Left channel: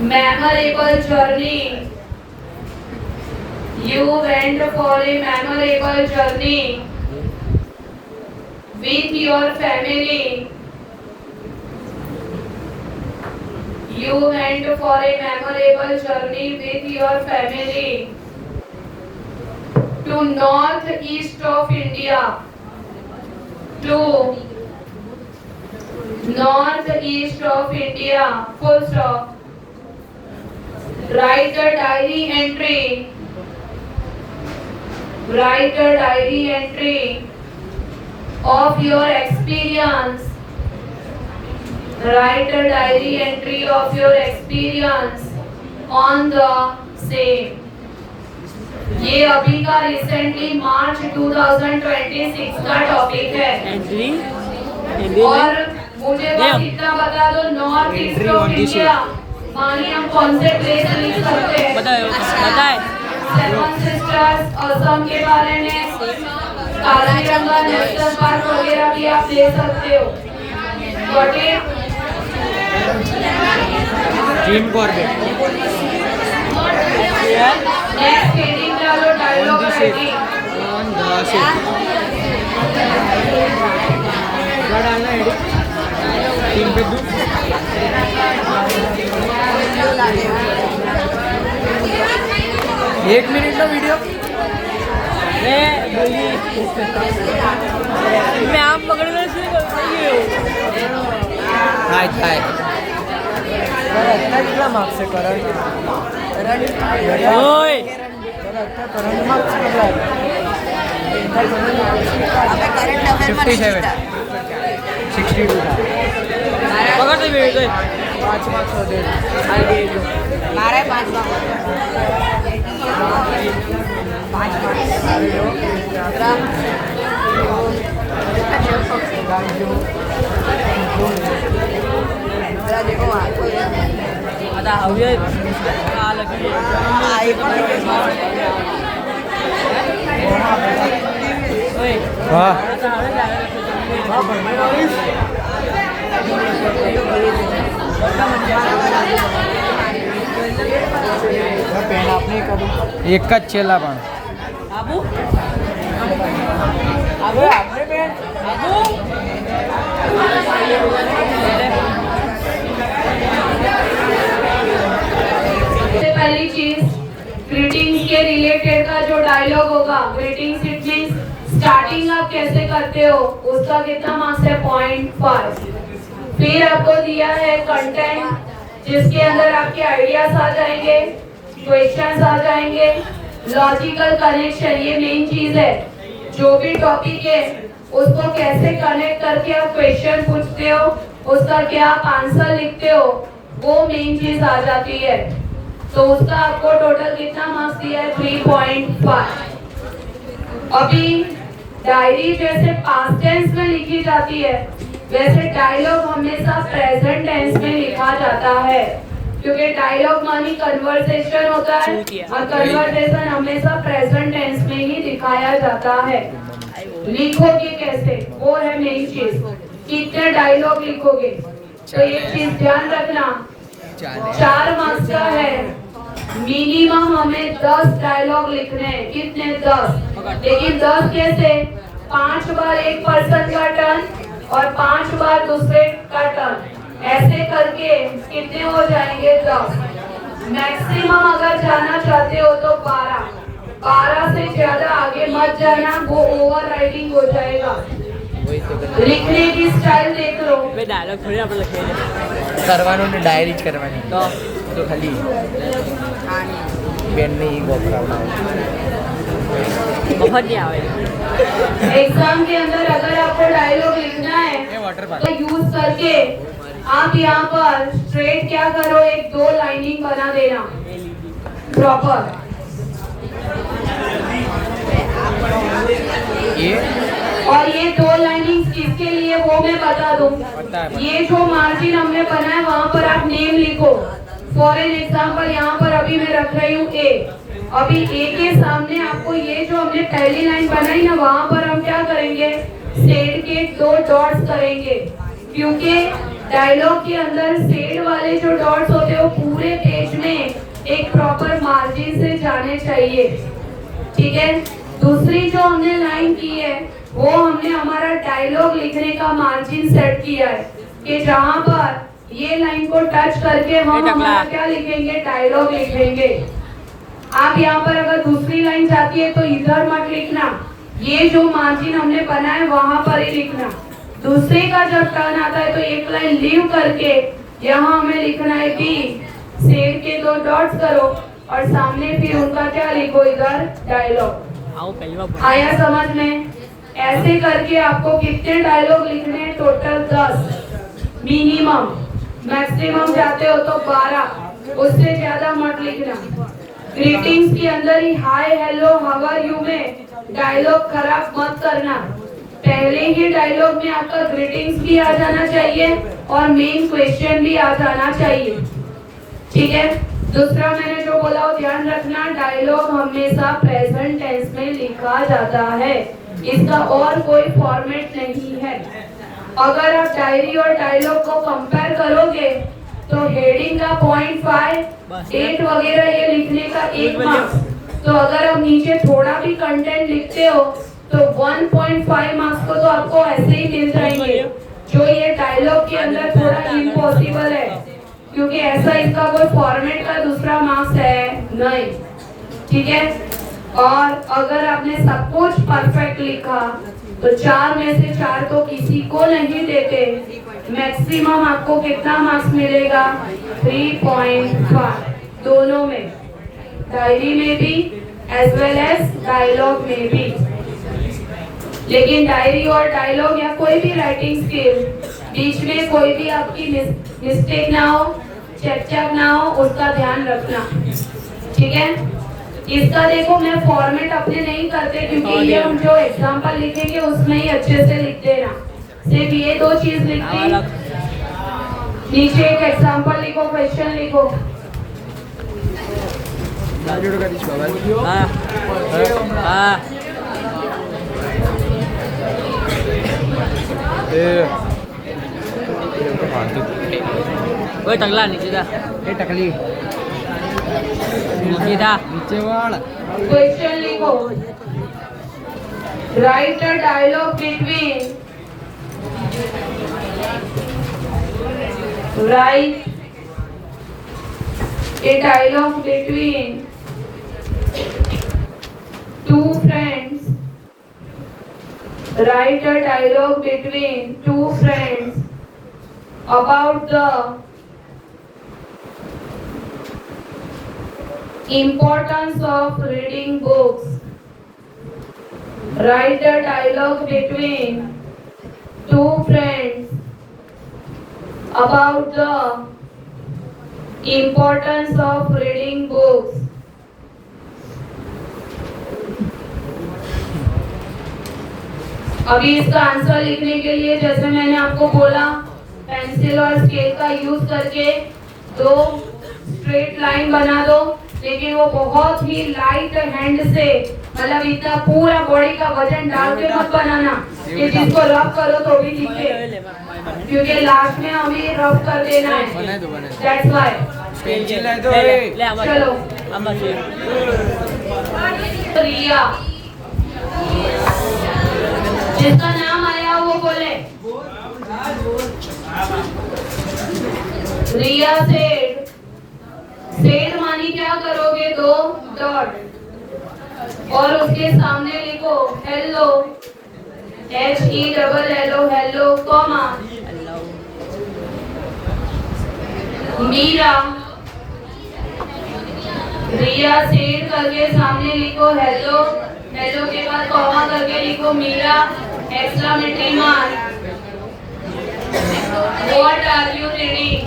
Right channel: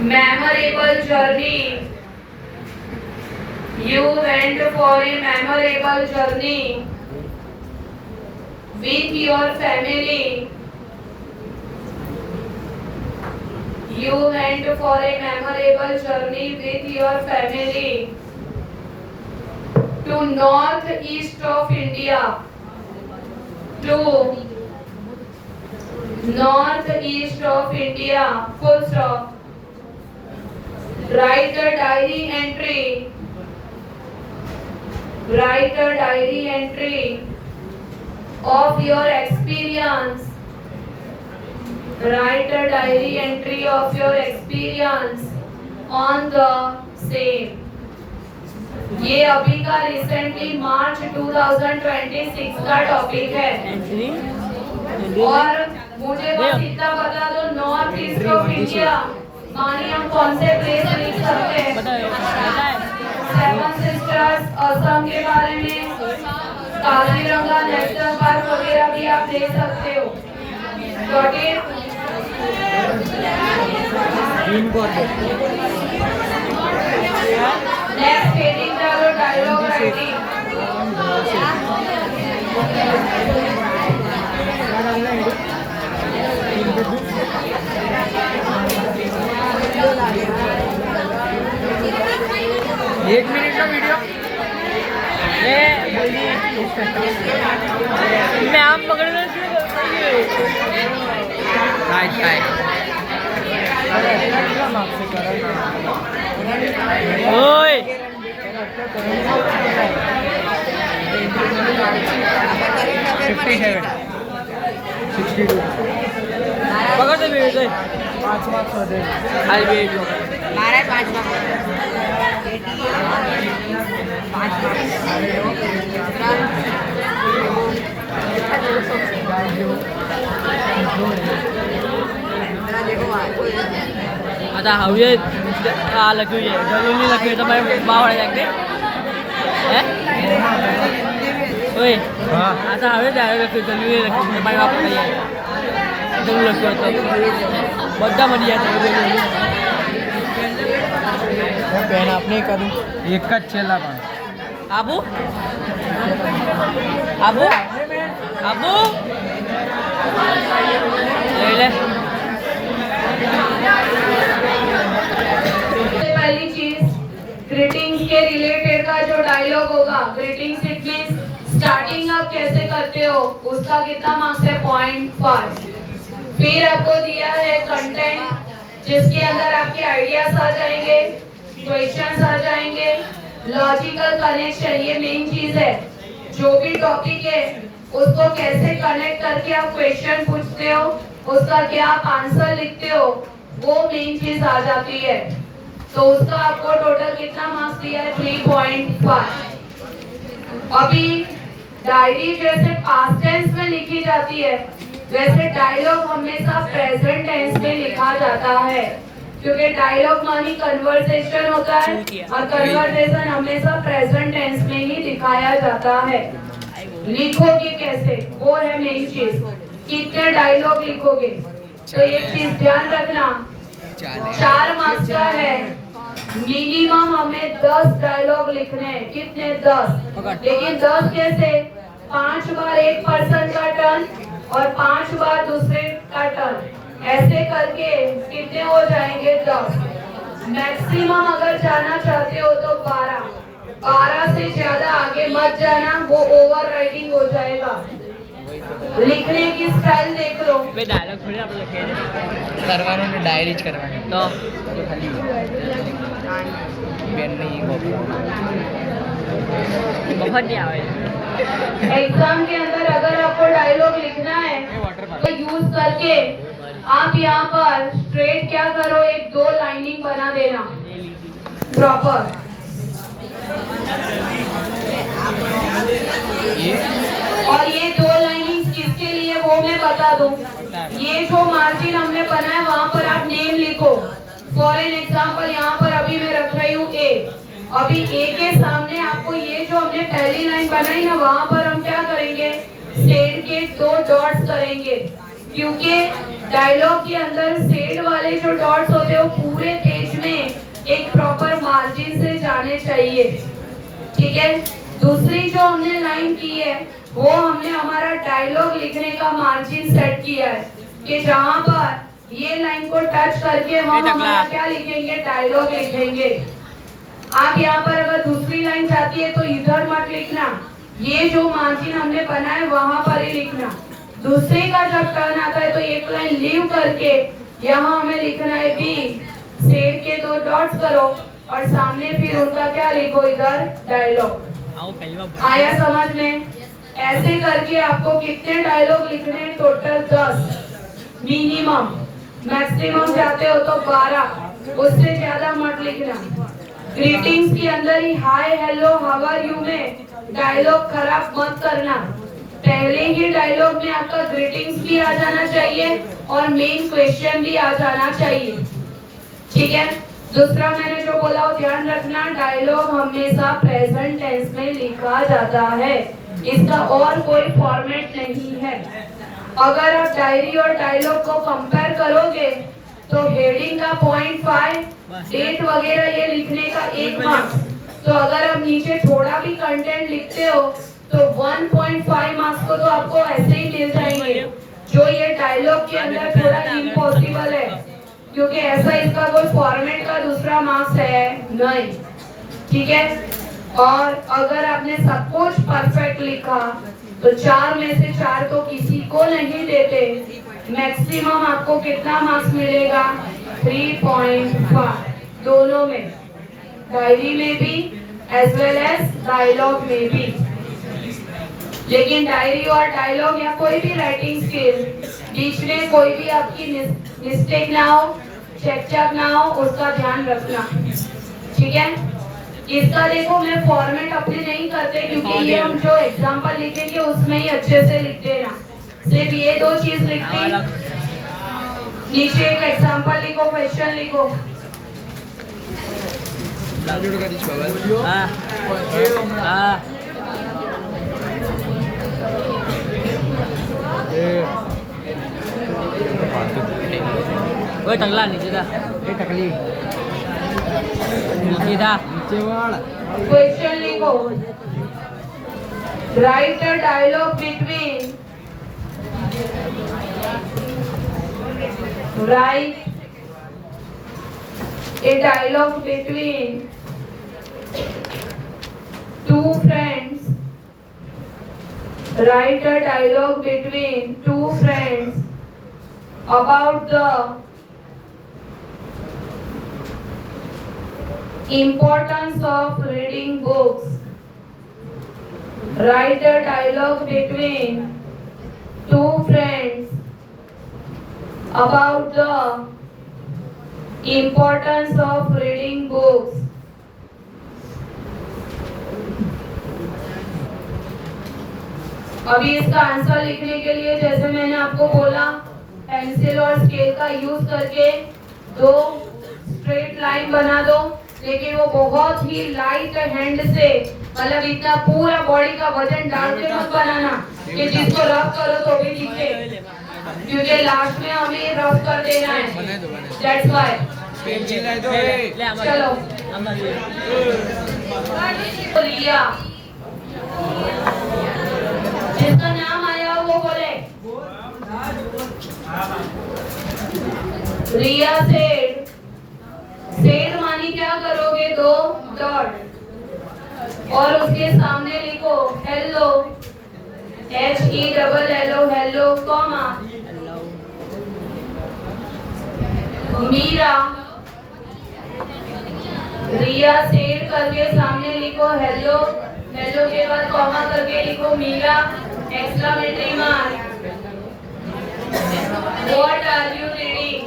memorable journey. You went for a memorable journey with your family. You went for a memorable journey with your family to northeast of India. To northeast of India. Full stop. Write the diary entry. Write a diary entry of your experience. Write a diary entry of your experience on the same. ये अभी का recently March 2026 का टॉपिक है और मुझे बस इतना बता दो नॉर्थ ईस्ट ऑफ इंडिया मानिए हम कौन से प्लेस लिख सकते हैं? सेवन सिस्टर्स असम के बारे में, काजीरंगा नेशनल पार्क वगैरह भी आप ले सकते हो। Got it? Jim Corbett next heading का जो डायलॉग राइटिंग एक मिनट का वीडियो मैं आप पकड़ना शुरू कर मार्क्स से करा ओए 57 62 पकड़ दे बेटे 5 मार्क्स हो दे आगे मारे 5 आता हवे आ लगी है नहीं लगी तो मैं मार देंगे हैं ओए हां आता हवे जाएगा कि तुम ये मैं मार देंगे तुम लोग तो बड़ा बढ़िया पेन आपने कर एक का चेला बा आबू आबू आपने पेन आबू पहली चीज ग्रीटिंग्स के रिलेटेड का जो डायलॉग होगा, ग्रीटिंग्स इट मींस स्टार्टिंग आप कैसे करते हो उसका कितना मार्क्स है? 0.5। फिर आपको दिया है कंटेंट जिसके अंदर आपके आइडियाज आ जाएंगे, क्वेश्चंस आ जाएंगे, लॉजिकल कनेक्शन ये मेन चीज है। जो भी टॉपिक है उसको कैसे कनेक्ट करके आप क्वेश्चन पूछते हो, उसका क्या आप आंसर लिखते हो, वो मेन चीज आ जाती है। तो उसका आपको टोटल कितना मार्क्स दिया है? 3.5। अभी डायरी जैसे पास्ट टेंस में लिखी जाती है वैसे डायलॉग हमेशा प्रेजेंट टेंस में लिखा जाता है, क्योंकि डायलॉग मानी कन्वर्सेशन होता है और कन्वर्सेशन हमेशा प्रेजेंट टेंस में ही दिखाया जाता है। लिखोगे कैसे वो है मेन चीज, कितने डायलॉग लिखोगे। तो एक चीज ध्यान रखना, 4 मार्क्स का है, मिनिमम हमें 10 डायलॉग लिखने हैं। कितने? 10। लेकिन 10 कैसे? 5 बार एक पर्सन का टर्न और 5 बार दूसरे का टर्न, ऐसे करके कितने हो जाएंगे? 10। मैक्सिमम अगर जाना चाहते हो तो 12 से ज्यादा आगे मत जाना, वो ओवर राइटिंग हो जाएगा। लिखने की स्टाइल देख लो। वे डायलॉग थोड़ी आप लिखे करवानो ने डायरी ज करवानी तो खाली पेन नहीं बहुत नहीं आवे। एग्जाम के अंदर अगर आपको डायलॉग लिखना है तो यूज करके आप यहाँ पर स्ट्रेट क्या करो, एक 2 लाइनिंग बना देना प्रॉपर। और ये 2 लाइनिंग किसके लिए वो मैं बता दूं। ये जो मार्जिन हमने बनाया वहाँ पर आप नेम लिखो। फॉर एन एग्जाम्पल यहाँ पर अभी मैं रख रही हूँ ए। अभी ए के सामने आपको ये जो हमने पहली लाइन बनाई ना वहाँ पर हम क्या करेंगे? स्टेट के 2 डॉट्स करेंगे, क्योंकि डायलॉग के अंदर सेड वाले जो डॉट्स होते हैं वो पूरे पेज में एक प्रॉपर मार्जिन से जाने चाहिए, ठीक है। दूसरी जो हमने लाइन की है वो हमने हमारा डायलॉग लिखने का मार्जिन सेट किया है कि जहां पर ये लाइन को टच करके हम हमारा क्या लिखेंगे, डायलॉग लिखेंगे। आप यहाँ पर अगर दूसरी लाइन जाती है तो इधर मत लिखना, ये जो मार्जिन हमने बनाया वहां पर ही लिखना। दूसरे का जब टर्न आता है तो एक लाइन लीव करके यहाँ हमें लिखना है बी, सेड के 2 डॉट्स करो और सामने फिर उनका क्या लिखो, इधर डायलॉग। आया समझ में? ऐसे करके आपको कितने डायलॉग लिखने हैं, टोटल 10, मिनिमम। मैक्सिमम जाते हो तो 12, उससे ज्यादा मत लिखना। ग्रीटिंग्स के अंदर ही hi hello how are you में डायलॉग खराब मत करना। पहले ही डायलॉग में आपका ग्रीटिंग्स भी आ जाना चाहिए और मेन क्वेश्चन भी आ जाना चाहिए, ठीक है। दूसरा मैंने जो बोला वो ध्यान रखना, डायलॉग हमेशा प्रेजेंट टेंस में लिखा जाता है, इसका और कोई फॉर्मेट नहीं है। अगर आप डायरी और डायलॉग को कंपेयर करोगे तो हेडिंग का 0.5, डेट वगैरह ये लिखने का 1 मार्क्स। तो अगर आप नीचे थोड़ा भी कंटेंट लिखते हो तो 1.5 मार्क्स को तो आपको ऐसे ही मिल जाएंगे, जो ये डायलॉग के अंदर थोड़ा इम्पॉसिबल है, क्योंकि ऐसा इसका कोई फॉर्मेट का दूसरा मार्क्स है नहीं, ठीक है। और अगर आपने सब कुछ परफेक्ट लिखा तो 4 में से 4 तो किसी को नहीं देते, मैक्सिमम आपको कितना मार्क्स मिलेगा, 3.5, दोनों में, डायरी में भी एज वेल एज डायलॉग में भी। लेकिन डायरी और डायलॉग या कोई भी राइटिंग स्किल, बीच में कोई भी आपकी मिस्टेक ना हो, चेक ना हो, उसका ध्यान रखना, ठीक है। इसका देखो मैं फॉर्मेट अपने नहीं करते, क्योंकि ये हम जो एग्जांपल लिखेंगे उसमें ही अच्छे से लिख देना। सिर्फ ये 2 चीज लिखते, नीचे एक एग्जांपल लिखो, क्वेश्चन लिखो। ओए टकला नीचे था, ये टकली नीचे था, नीचे वाला। क्वेश्चन लिखो, write a dialogue between, write a dialogue between 2 friends, write a dialogue between 2 friends about the importance of reading books. Write a dialogue between 2 friends about the importance of reading books. अभी इसका आंसर लिखने के लिए जैसे मैंने आपको बोला, पेंसिल और स्केल का यूज करके 2 स्ट्रेट लाइन बना दो, लेकिन वो बहुत ही लाइट हैंड से, मतलब इतना पूरा बॉडी का वजन डाल के मत बनाना कि जिसको रफ करो तो भी दिखे, क्योंकि लास्ट में हमें रफ कर देना है, दैट्स व्हाई। चलो रिया, जिसका नाम आया वो बोले। रिया सेड, सेड मानी क्या करोगे, 2 डॉट और उसके सामने लिखो hello, HELLO, hello comma, Meera. Riya said करके सामने लिखो हेलो, हेलो के बाद कॉमा करके लिखो Meera, exclamatory mark. What are you reading?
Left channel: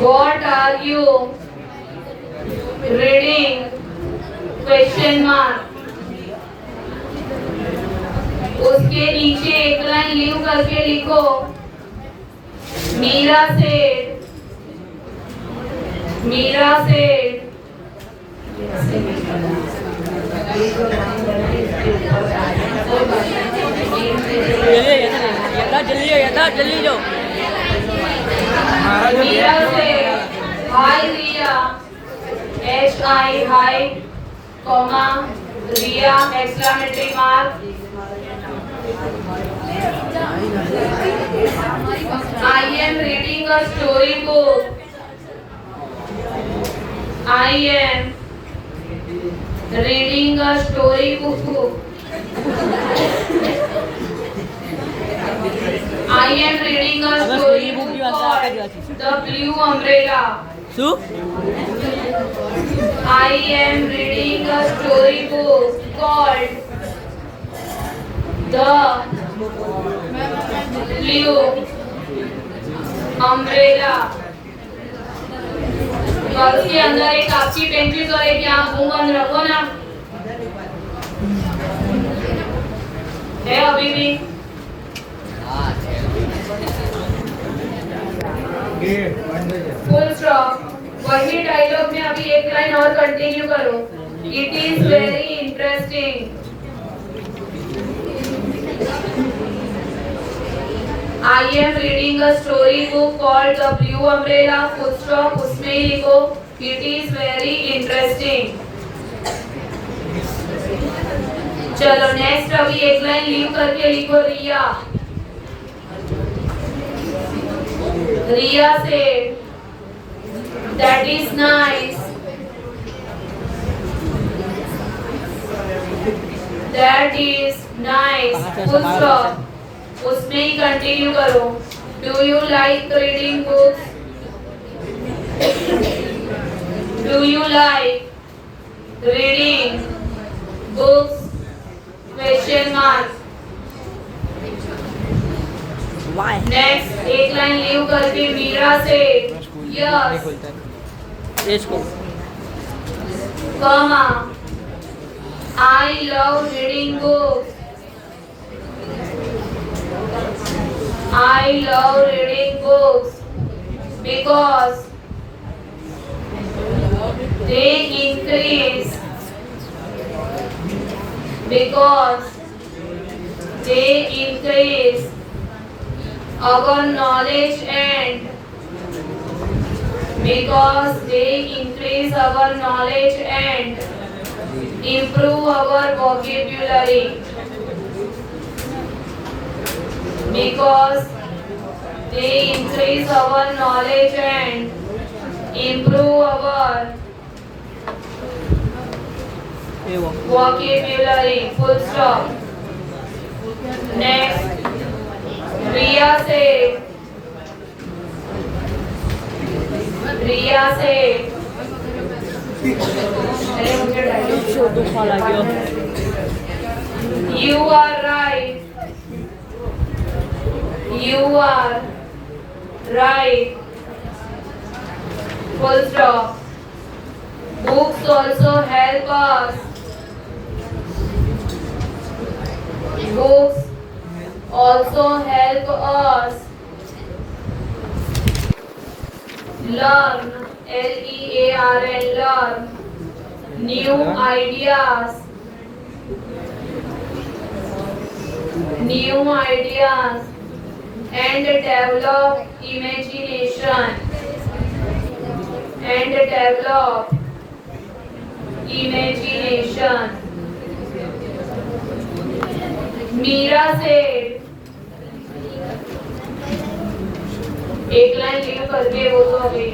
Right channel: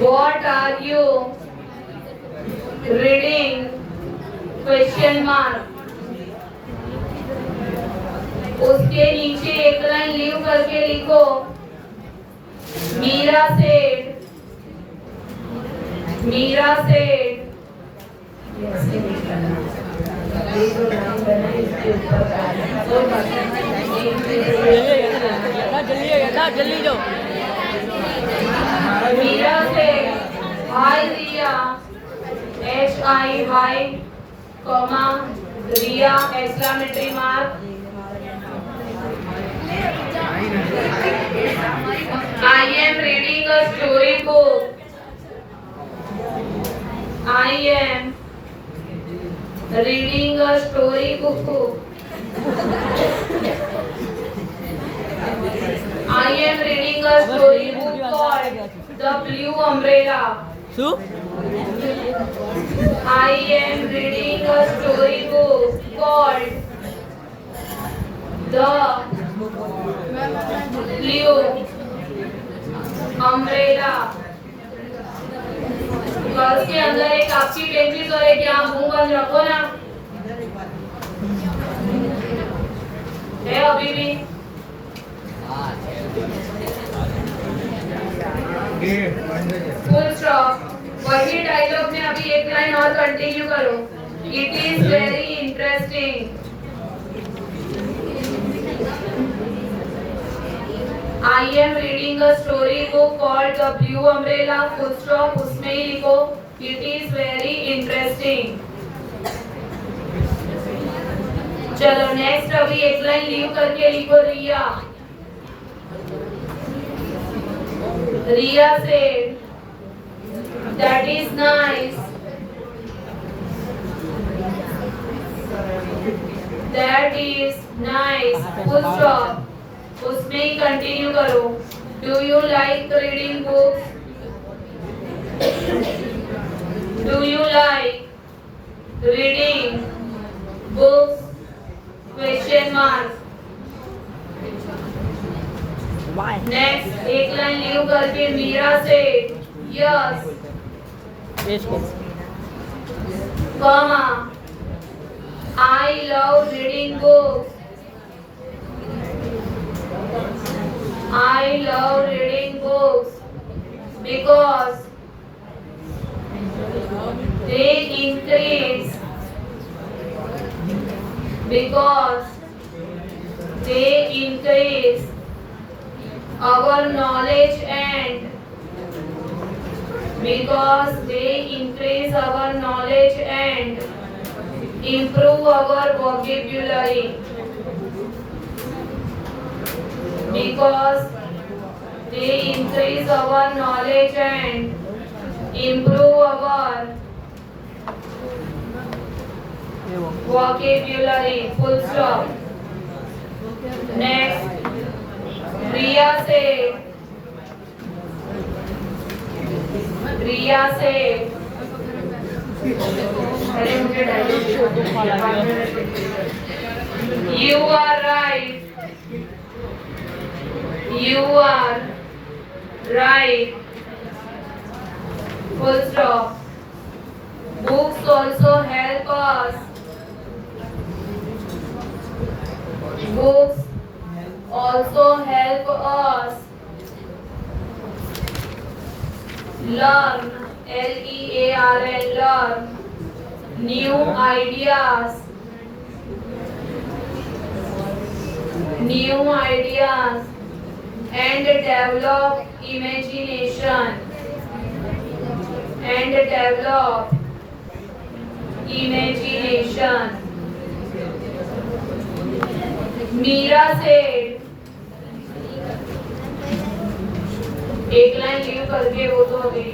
What are you reading? Question mark. उसके नीचे एक लाइन लीव करके लिखो मीरा सेड, मीरा सेड। कोई बात नहीं, जल्दी जो मीरा से hi Riya HI hi comma Riya exclamatory mark I am reading a story book. I am reading a story book. I am reading a story book called The Blue Umbrella. શું I am reading a story book called The Blue Umbrella. Girls के अंदर एक आपकी पेंसिल और एक यहाँ मुंह बंद रखो ना, है अभी भी? Full stop. वही डायलॉग में अभी एक लाइन और कंटिन्यू करो। It is very interesting. I am reading a story book called The Blue Umbrella. Full stop। उसमें ही लिखो It is very interesting। चलो नेक्स्ट अभी एक लाइन लीव करके लिखो रिया। रिया से That is nice। That is nice। Full stop। उसमें ही कंटिन्यू करो। Do you like reading books? Do you like reading books? Question mark. Why next एक लाइन लीव करके मीरा से यस इसको comma I love reading books. I love reading books because they increase our knowledge and improve our vocabulary. Because they increase our knowledge and improve our vocabulary. Full stop। Next, रिया से अरे मुझे dialogue You are right। You are right। Full stop। Books also help us learn learn new ideas and develop imagination Meera से एक line leave करके वो तो अभी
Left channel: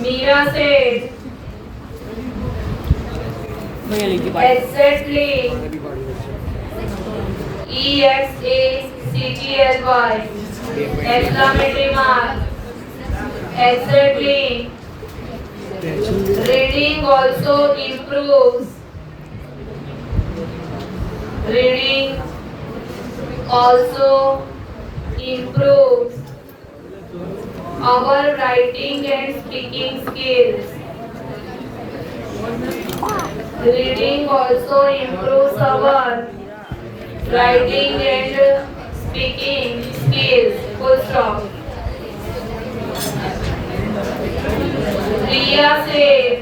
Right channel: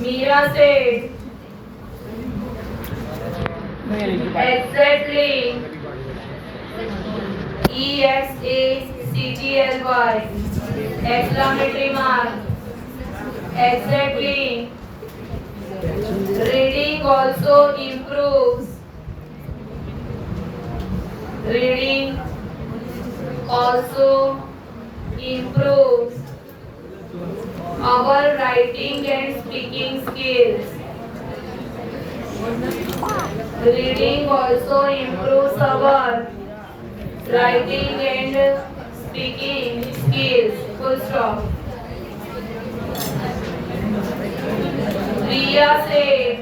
मीरा से exactly EXACTLY exclamatory mark exactly reading also improves our writing and speaking skills. Reading also improves our writing and speaking skills. Full stop. Riya said,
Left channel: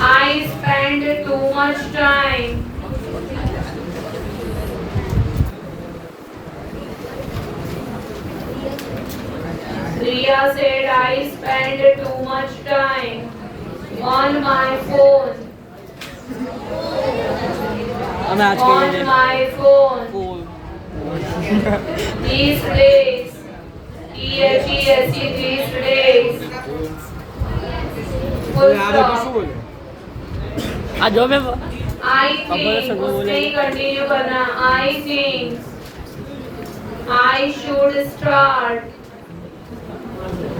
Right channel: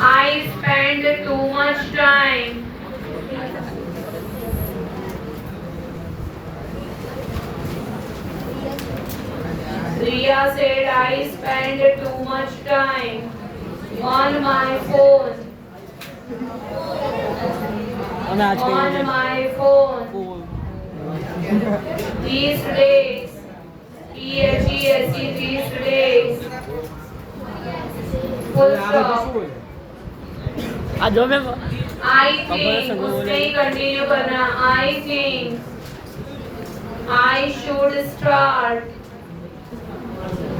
I spend too much time Priya said I spend too much time on my phone. हमें आज On कहिए my phone. These days. These days. Full stop. आज जो मैं I think उसने कंटिन्यू करना. I think I should start.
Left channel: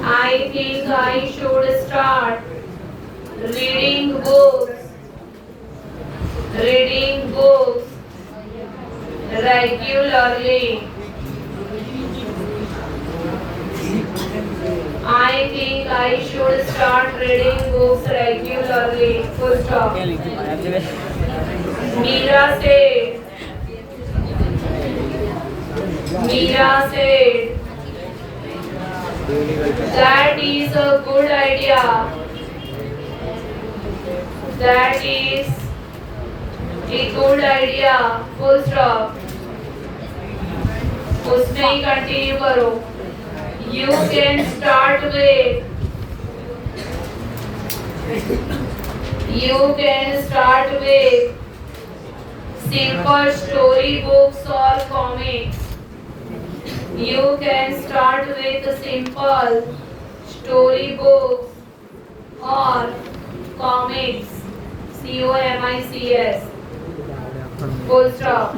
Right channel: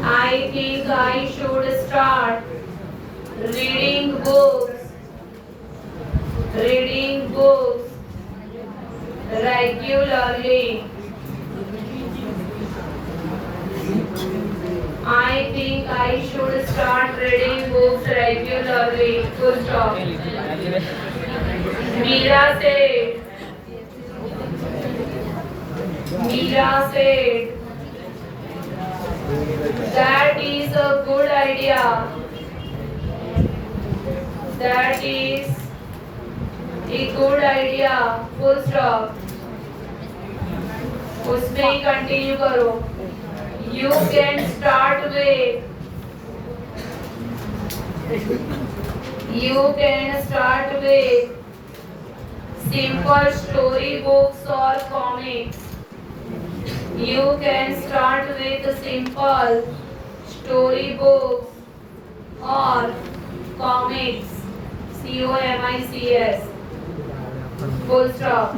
I think I should start reading books. Reading books regularly. I think I should start reading books regularly. Full stop. Meera said that is a good idea. That is a good idea. Full stop. उसमें ही continue करो. You can start with simple story books or comics. You can start with simple story books or comics. COMICS. Full stop.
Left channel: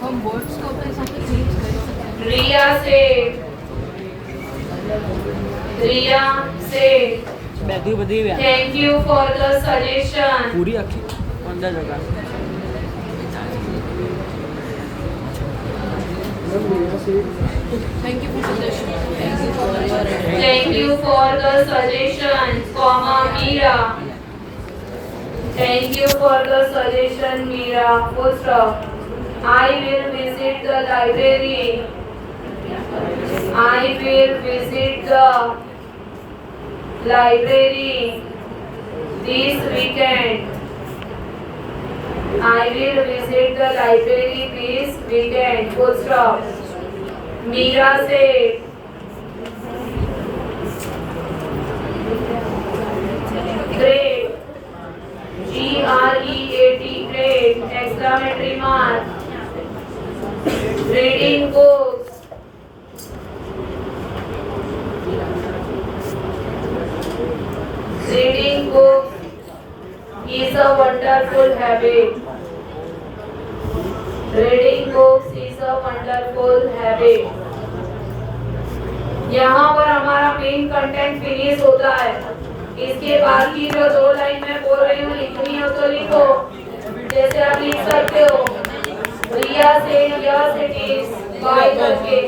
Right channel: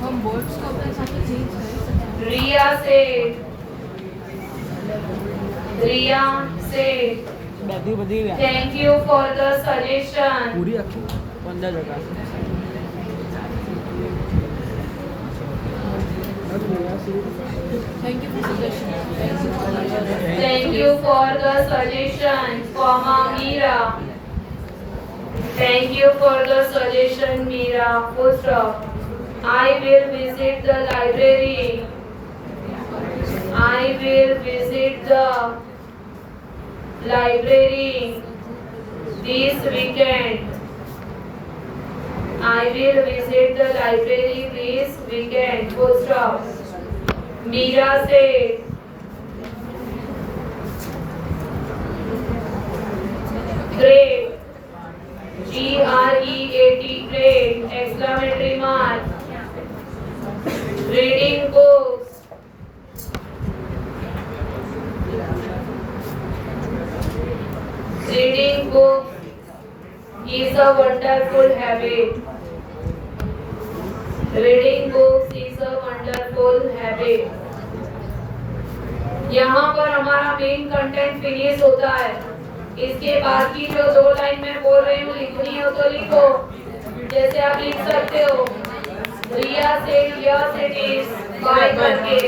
हम बोर्ड्स को अपने साथ चेंज कर सकते हैं. Riya said, बैठी बदी भी thank you for the suggestion. पूरी अच्छी 15 जगह thank you for suggestion. Thank you for the suggestion, comma Meera. Thank you for the suggestion, Meera. Full stop. I will visit the library. I will visit the library this weekend. I will visit the library this weekend. Full stop. Meera said, great. GREAT, great. Exclamatory mark. Reading books. Reading books is a wonderful habit. Reading books is a wonderful habit. यहाँ पर हमारा main content finish होता है. इसके बाद की जो 2 लाइन मैं बोल रही हूँ लिखनी हो तो लिखो. जैसे आप लिख सकते हो Riya said yes it is bye करके,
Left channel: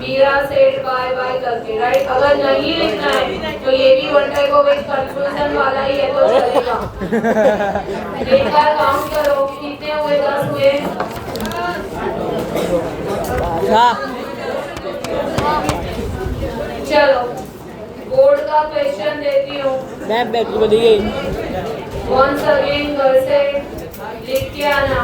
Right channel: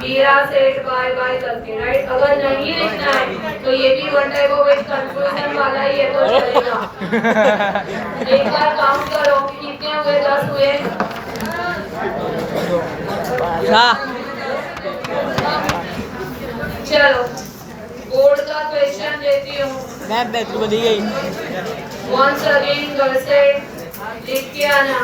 मीरा सेड बाय बाय करके. राइट. अगर नहीं लिखना है तो ये भी वन टाइप ऑफ एक कंक्लूजन वाला ही है तो चलेगा. एक बार काउंट करो कितने हुए. 10 हुए. चलो बोर्ड का क्वेश्चन देती हूँ. मैं बैठी बदी गई वंस अगेन घर से लिख के आना.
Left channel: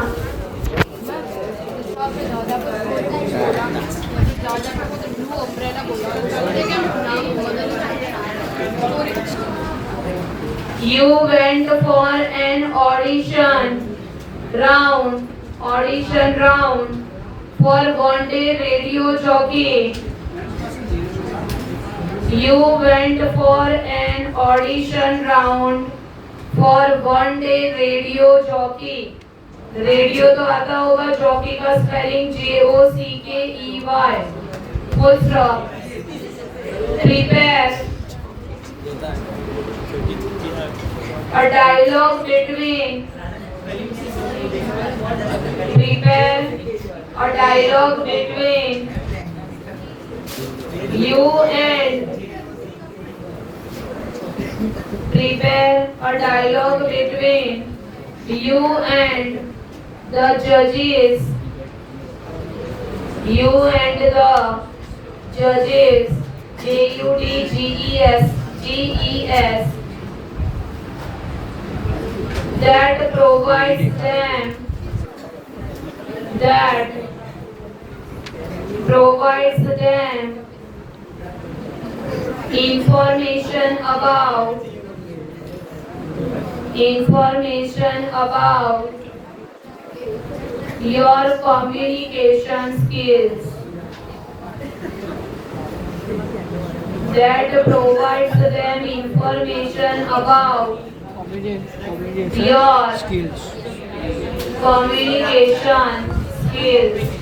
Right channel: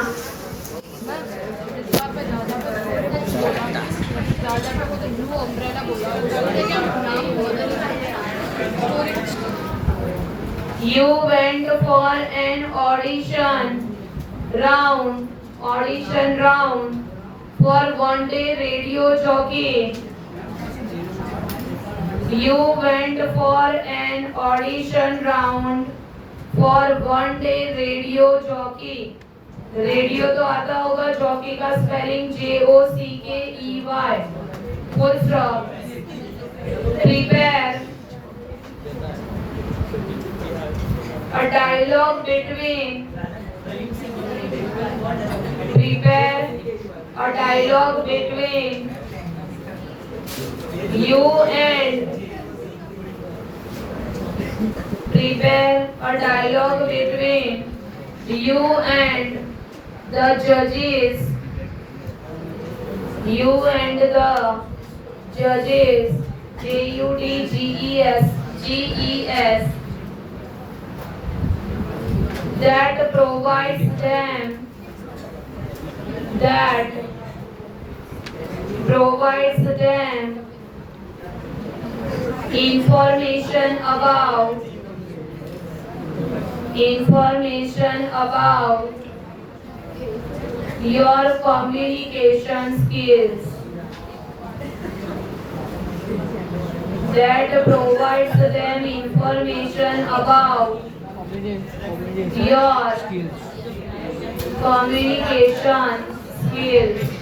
You went for an audition round for one day radio jockey. You went for an audition round for one day radio jockey. Radio तो आता होगा, जॉकी का spelling JOCKEY. Full stop. Prepare a dialogue between you and the judges. JUDGES that provides them information about your communication skills that provides them information about your skills. communication skills